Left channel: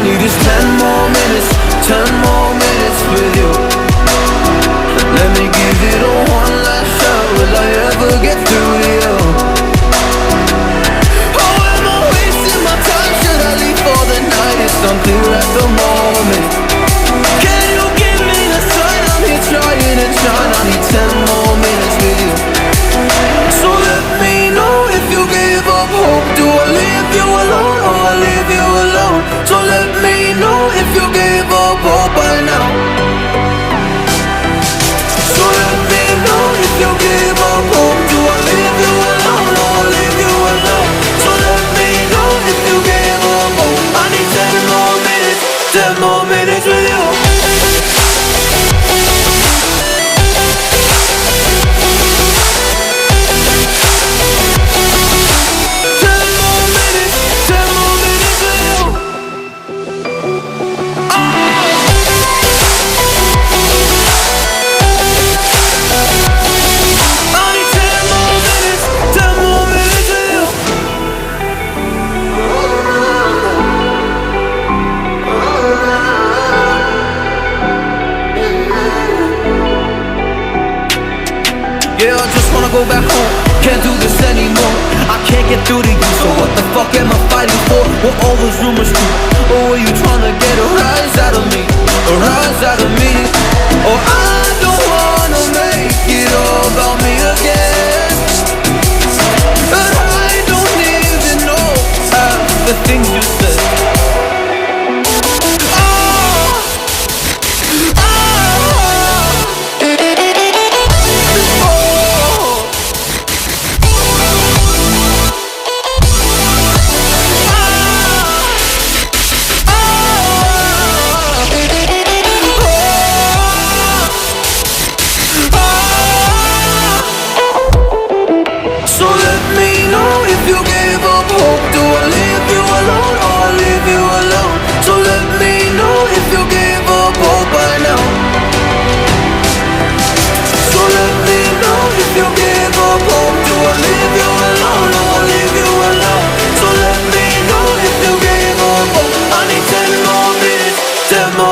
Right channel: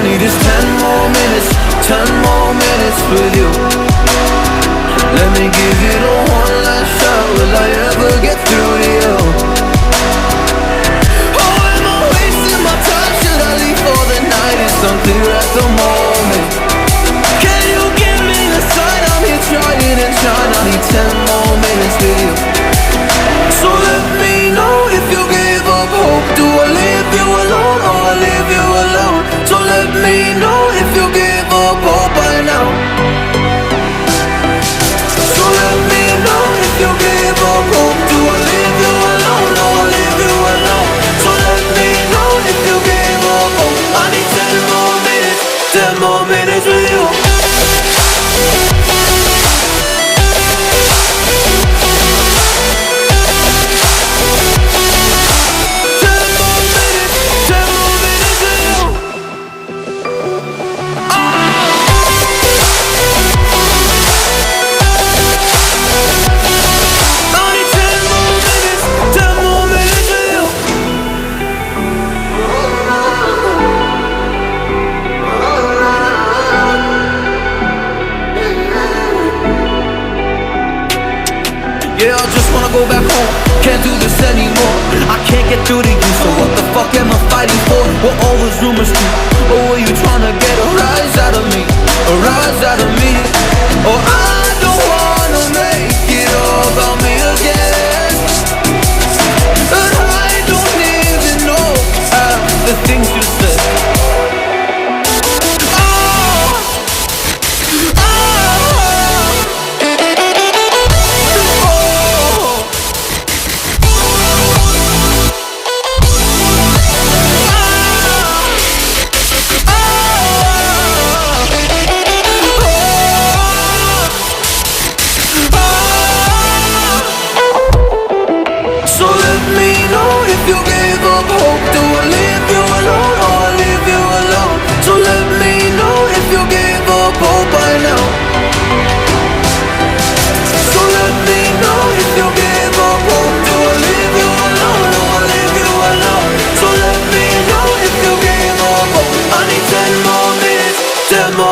I need is 10 more minutes, 10 more minutes with you. Let me give it a one last shot. Will I ever get through to you? Oh, am I wasting my time? Should I leave for the night? It's unclear at the moment. Can you give me a sign? I'm here trying and trying. I need 10 more minutes with you. So let me know if you gave up hope. Do I leave you alone or I leave you alone? So let me know if you gave up hope by now. So let me know if you gave up hope. Do I leave you alone or I leave you alone? So let me know if you gave up hope. I need 10 more minutes, 10 more minutes with you. Yeah, I just wanna go back home. Can't do this anymore. I can't get through to you, so what the fuck am I fighting for? What all those rumors do? Or were you trying to get a rise out of me? A rise out of me? Or I don't wanna make it all about me again. And I don't even know half the things you said. So let me know if you gave up hope. Do I leave you alone or I leave you alone? So let me know if you gave up hope by now. So let me know if you gave up hope. Do I leave you alone or I leave you alone? So let me know if you gave up hope. I need 10 more minutes, 10 more